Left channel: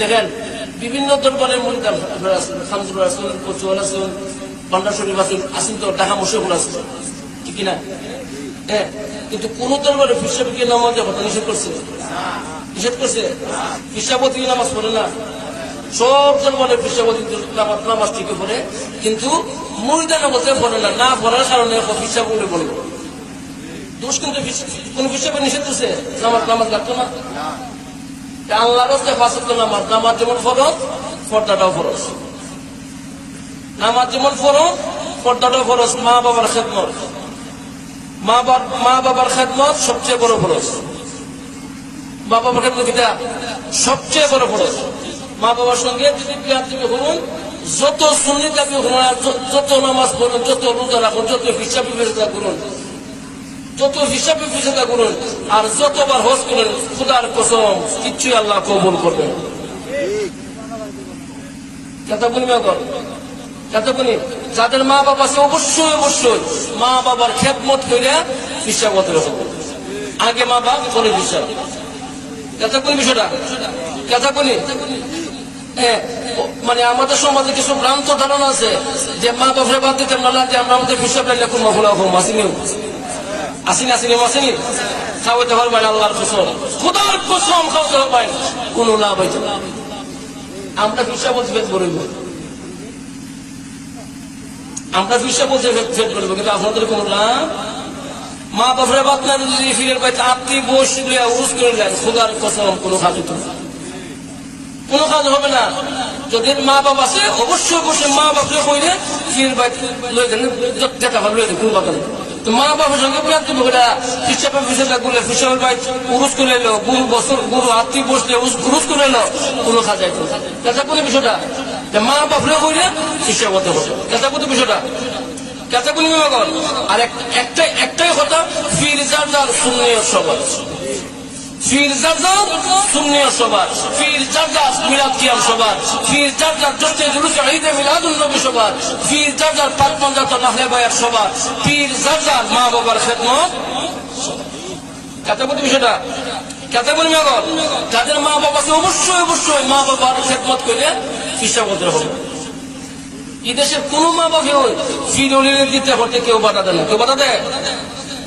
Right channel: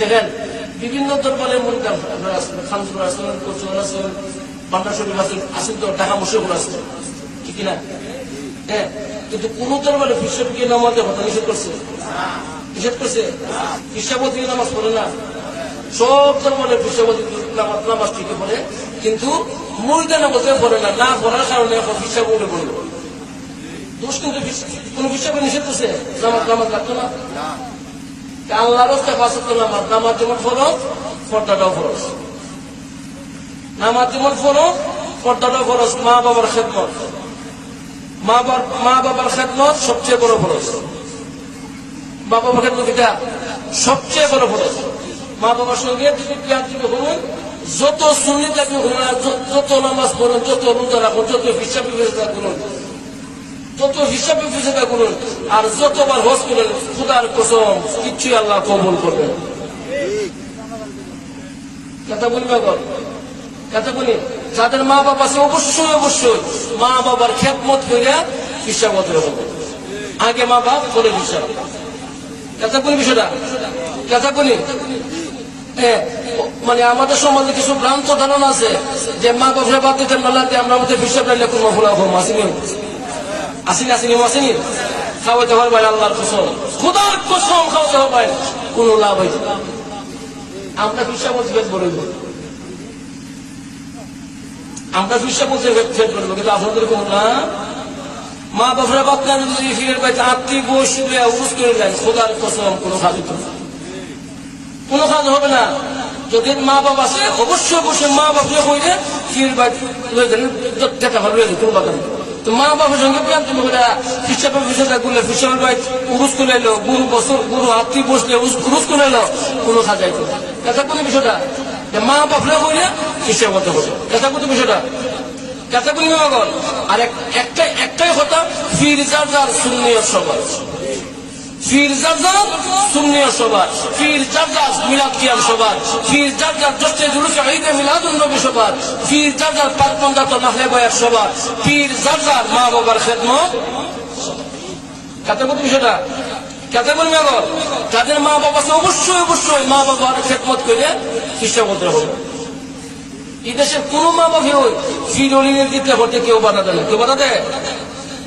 দেখেন বিভিন্ন দরবারের মধ্যে আপনারা আছেন, খামসুল আছেন, কচুয়াল আছেন, বাংলা শরীফ আছেন, আছেন তো ঢাকা মুশরিক আছেন, ঠিক কিনা? হ্যাঁ, কিন্তু কোন দরবারে ফিসাবকে নামাজের কথা নিষেধ করছে? নিষেধ করছে? ফিসাবতী নামাজ পড়ে না, সব দরবারে ফিসাবতী নামাজ ঠিকই পড়ে, কিন্তু মুরিদা নামাজেও পড়ে না, না পড়ার কারণে ফিসাব করে পড়ে। দোষ কিন্তু কোন ফিসাবে নিষেধ করছে? নামাজ নামাজ রাখতো না। আল্লাহ নামাজ নামাজ যেমন ফরজ, পর্দাটাও ফরজ। নামাজ যেমন ফরজ, পর্দাটাও ফরজ। মা বাবার খেদমত, মা বাবার খেদমত সবচেয়ে বড় ফরজ। মা বাবার খেদমত এটা সবচেয়ে বড় ফরজ। মা বাবার সঙ্গে যদি প্রিয় হন, যত সুন্নি দাবি হওয়ার, যত নামাজ পড়েন, যত রোজা রাখুন, যত হিসাব করুন, যত হিসাবে বুঝে থাকুন, আর যতবার হজ করেন, খুদার কসম কিচ্ছুই আল্লাহ কবুল করবেন। কথা বলি কথা বলি, যাদের মা বাবা আছে অবশ্যই অবশ্যই মা বাবার খেদমত করে হিসাব হবে। আগে মা বাবা করে হিসাব। কথা বলি বিষয়টা, কথা বলি। মানে আমাদের সমাজে কিছু ভ্রান্ত ধারণা আছে যে মা বাবার বাদ দিতেন না, যে আমরা আমাদের হিসাব লাইলে কোন মহলা হোম আসেনি, আসেনি আসেনি আসেনি, খাওয়াতে পারবেন আল্লাহর কসম, খুদার কসম খাওয়াতে পারবেন, কোনো লাভ হয়েছে না। আমরা হিসাব বলব, আমরা হিসাব বলবো, কিন্তু আপনাদের কোনো না। মা বাবার বাপের যদি ফিরের পাইতে আত্মীয় বসে উস করে নেন, খুদার কসম কোনো খাবে না, কোনো কাজ হবে না। যদি মা বাবা আছে অবশ্যই অবশ্যই মা বাপকে কইলে ফিরের বাড়িতে লয়ে দেন, যেটা হবে কোনো কথা নেই। মা বাবার সঙ্গে প্রান্তি লোকেরা হিসাবের বিষয়টা গুলে হিসাবের বাড়ি উস করে এলো, গুরু বছর গুরু আত্মীয় বসলে উস করে এলো, কোনো কাজ হয় না। কথা কোনো বিষয়টা মা বাপকে কইলে হিসাব হতে হবে, কথা কোনো বিষয়টা কথা কোনো। আর একটাই কথা, ফিরজা যাও শূন্য সবাই, ফিরজাদা সুন্নিয়া সবার, ফিরজাদা মিলাদ কিয়াম সবার, ফিরজাদা যেতে জুলুস ঈদে মিলাদুন নবী সবার, ফিরজাদা পাকমন্দা তো নাহলে বয়াত সবার, ফিরজাদা মা বাবার খেদমত। কথা বলতে সেটা কথা বলবে, যাদের মা বাবা অবশ্যই অবশ্যই মা বাবার খেদমত করে হিসাব হতে হবে। এই দেশের কোন মা বাবাকেও ফিরুলির দিতে করতে কেউ বাধা দেয় না, কেউ বাধা দেয়?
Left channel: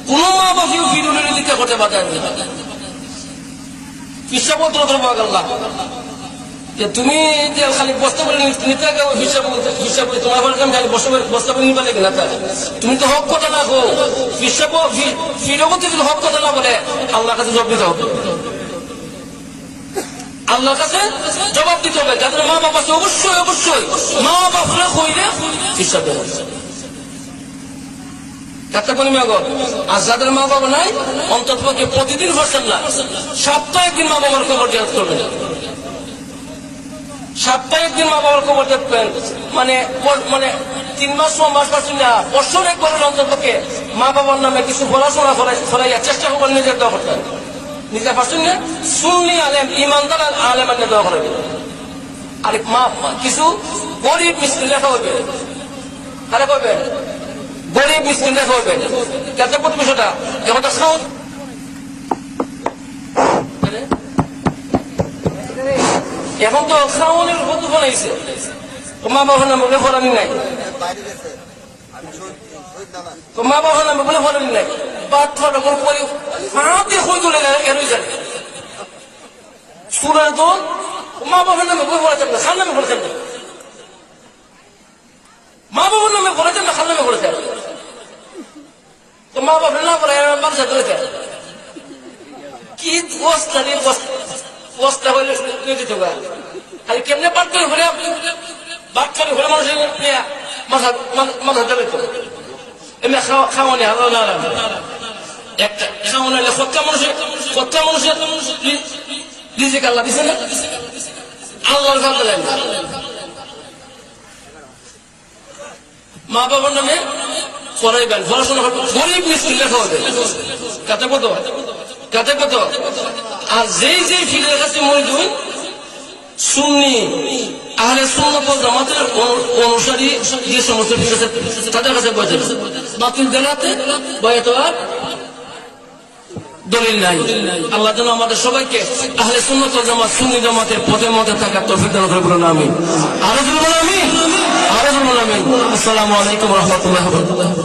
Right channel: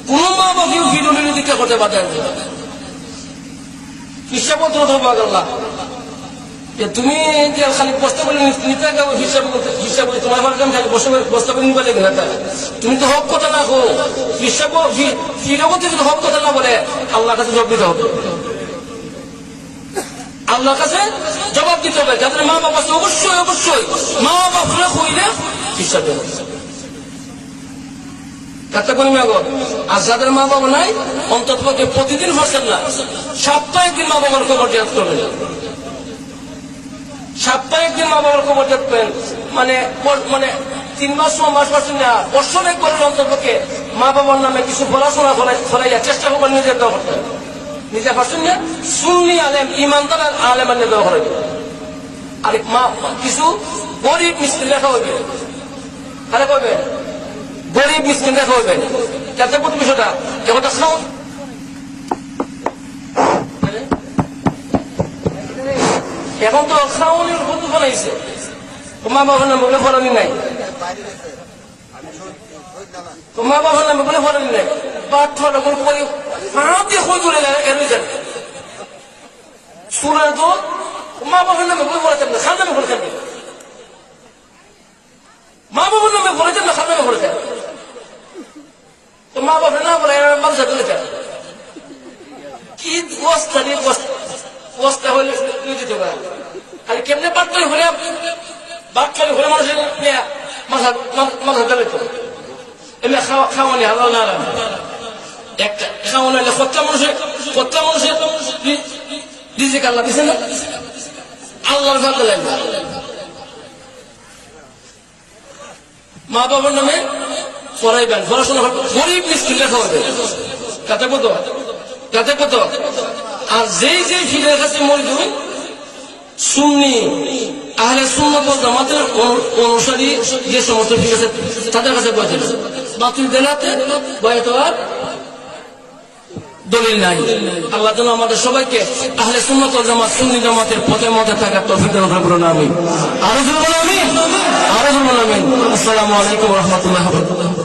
কোন মা বাবাকেও ফিরুলির দিতে করতে বাধা দেয় না। হিসাব তুমি যে খালি বস্তা করে নিতে হিসাব হিসাব তোমার বস্তা করে নিবা দেবে না, তুমি তো হক কথা না গো। হিসাব ফিরবতে যদি হক কথা না বলে আল্লাহ কাছে জবাব দিতে হবে, আল্লাহর কাছে জবাব দিতে হবে। যাদের মা বাবা অবশ্যই অবশ্যই মা বাবা কইলে হিসাব দেবে, কথা কোনো মেঘর। আর যাদের মা বাবা নাই অন্তত প্রতিদিন বসেন না, সপ্তাহে একদিন মা বাবার খবর দেওয়া করবেন, সপ্তাহে একদিন মা বাবার খবর দেখবেন। মানে 3 মাস 6 মাস পাচ্ছেন না, বছরে পর্যন্ত থেকে মা বাবার নামে কিছু পড়াশোনা করাইয়া চেষ্টা করবেন নিজের ব্যবহার, নিজে পাচ্ছেন না শুনলি আলেম ইমানদার আলেমের ব্যবহার হবে। আর কিছু গরিব মিস্ত্রি দেখা হবে, তারা করবেন গরিব মিসকিন দেখা হবে। কথা কত বিষয়টা এখন তো শ্রাবণের কত ফলাইছে, তোমার বাবার নামে কোনো ফলানি নাই, তোমার বাবার নামে কোনো ফলানি নাই। বাদ ফলে পরে হাতে হজুরে এড়ে যাবে সুরে, তো মা বাবার নামে বই বলে থাকবে, খান নামে বলে থাকবে, মা বাবার নামে বলে থাকবে, খান নামে বলে থাকবে। মা বাবা না বলে মানুষের বলে থাকে কি বস্তা নিয়ে বস্তা হলে নিয়ে দিতে পারে। আর কেমনে বাচ্চার ঘুরে বাচ্চার ঘুরে মানুষের মাথা ধরে তো এমনি খাওয়ানি হলো না, একটা খাওয়ানো হলে সত্য মানুষের নিজেকে আল্লাহ দিচ্ছে না, আল্লাহর খাওয়া জানি। মা বাবার নামে পড়াইবেন, পড়াশোনা গরিব মিস্ত্রি লেখা হবে, কাতে কত কাতে কত। আর যেই ফিরের কাছে মজুর সুন্নি আমাদের সুন্নত জামাতের অনুসারী যে সমস্ত ফিরে আছে তাদের কাছে বলছেন বাতুল দেনাতে বয়াতোয়ার দলিল নাই। আল্লাহ যেন আমাদের সবাইকে আহলে সুন্নাত ওয়াল জামাত সুন্নি জামাতের পথের মধ্যে থাকার তৌফিক দান করুন। আমিন। আসসালামু আলাইকুম ওয়া রাহমাতুল্লাহি ওয়া বারাকাতুহু।